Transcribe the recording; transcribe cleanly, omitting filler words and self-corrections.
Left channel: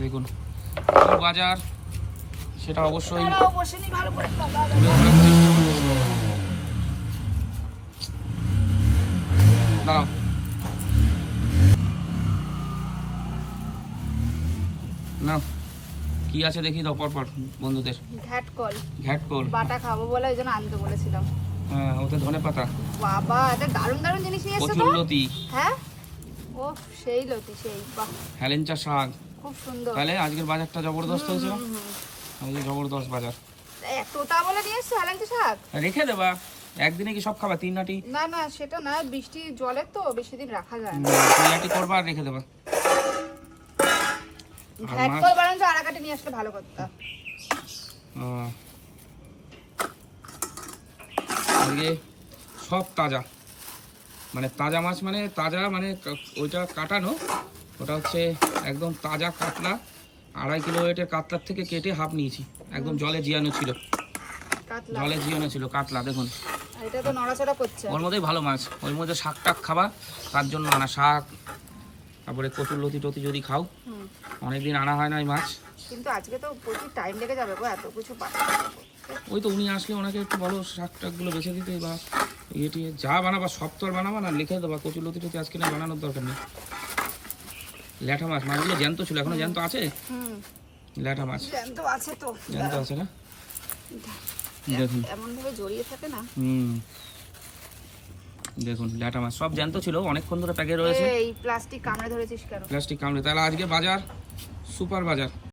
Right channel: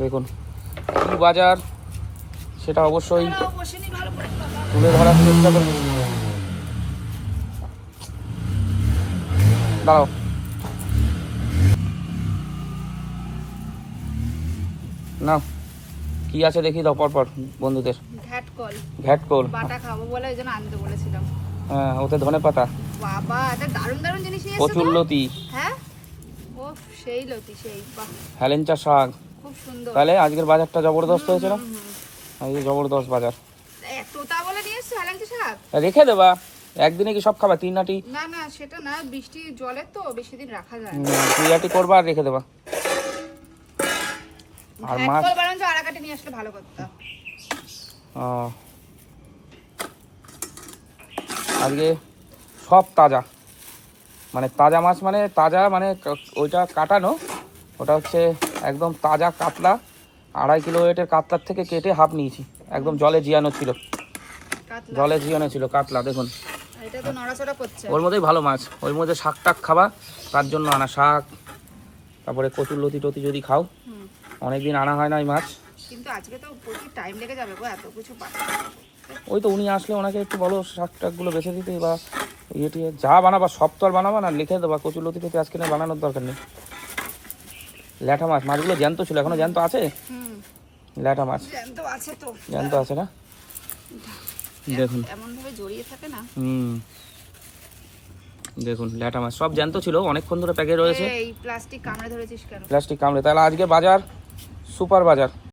দেখুন কি বাজার সেটা অবশ্যই ভালো করে তুলে ধরার চেষ্টা করব। দাঁড়াও, না কি আছে দেখি দাও পরপর বন্ধুদের। ঘ্যাটকল ঘ্যাটকল, বাটা খাবো বলে ওই জন্য আনতে বলেছিলাম। হ্যাঁ ওতে ধনে পাতা, বাবা এটা দারুণ দারুণ জিনিস নিয়ে এসেছো তো। কচুরলতি, হ্যাঁ ও সেই লতি সেই বাহ হেলেঞ্চা শাক। খুব সুন্দর। তাহলে আজকের বাজারটা জবরদস্ত হয়েছে না? আজকে জবরদস্ত বাজার। তোতা বলে নিয়ে এসছো হেলেঞ্চা শাক? রেখে দেবা, একদিনে কি সব খাবা? 3 নাটি না না সেটা না, বৃষ্টি জলের তো বেশি দিন রাখা যায় না। 3 নাটি করবা আর রেখে দেবা। আর মাছ ঘ্যাটকল বারণ আড়াকাটি নিয়ে আসলে ভালো করতাম। ও, আজকে সব তাজা, মানে তাজা মাছ, মানে তাজা মানে ওইটা কাটানো, ওটা হচ্ছে একদম তাজা কাতলা। 2.5 কিলো ওয়েটের কাতলার থেকে কেটে হাফ নিয়েছি, একদম জলে জিয়ানো ছিল, কাতলা জলে জিয়ানো ছিল কাতলা। দেখুন আর এটা তো নড়াচড়া করছে। ওর মধ্যেই ভালো মাছ, ওর মধ্যে শাক টাক খাবা তার জন্য আনা, শাক তারপরে কচুরলতি টতি যদি খাও। হুম অনেকদিন আনা হয় না এই মাছ। কিন্তু আজকে তো প্রচুর টাইম লেগে যাবে গো এত কিছু পাঠাতে। ওই তো উনি আসলে ওনাকে একটু বলো শাক টাকগুলো বেছে দিতে, বা ইয়ে টিয়ে যা বানাবা সব তো আর বানাবা না, লিখে দেবা কচুরলতি টতি আজকে নিয়ে বানানোর দরকার নেই। ল্যাঠা মাছ, মাছগুলো জ্যান্ত ছিল, এখনো জ্যান্ত আছে। হুম ল্যাঠা মাছ জ্যান্ত আছে তো, জ্যান্ত আছে না? দেখুন এমন ভাবে জড়িয়ে থাকে না। দেখুন ল্যাঠা মাছ সব জ্যান্ত ছিল, অনেকক্ষণ ধরে প্যাকে রয়েছে। এই প্লাস্টিক কামড়ে ধরেছিস কেন? প্লাস্টিক কামড়ে। তাহলে আজকে বাজার সুপার বাজার।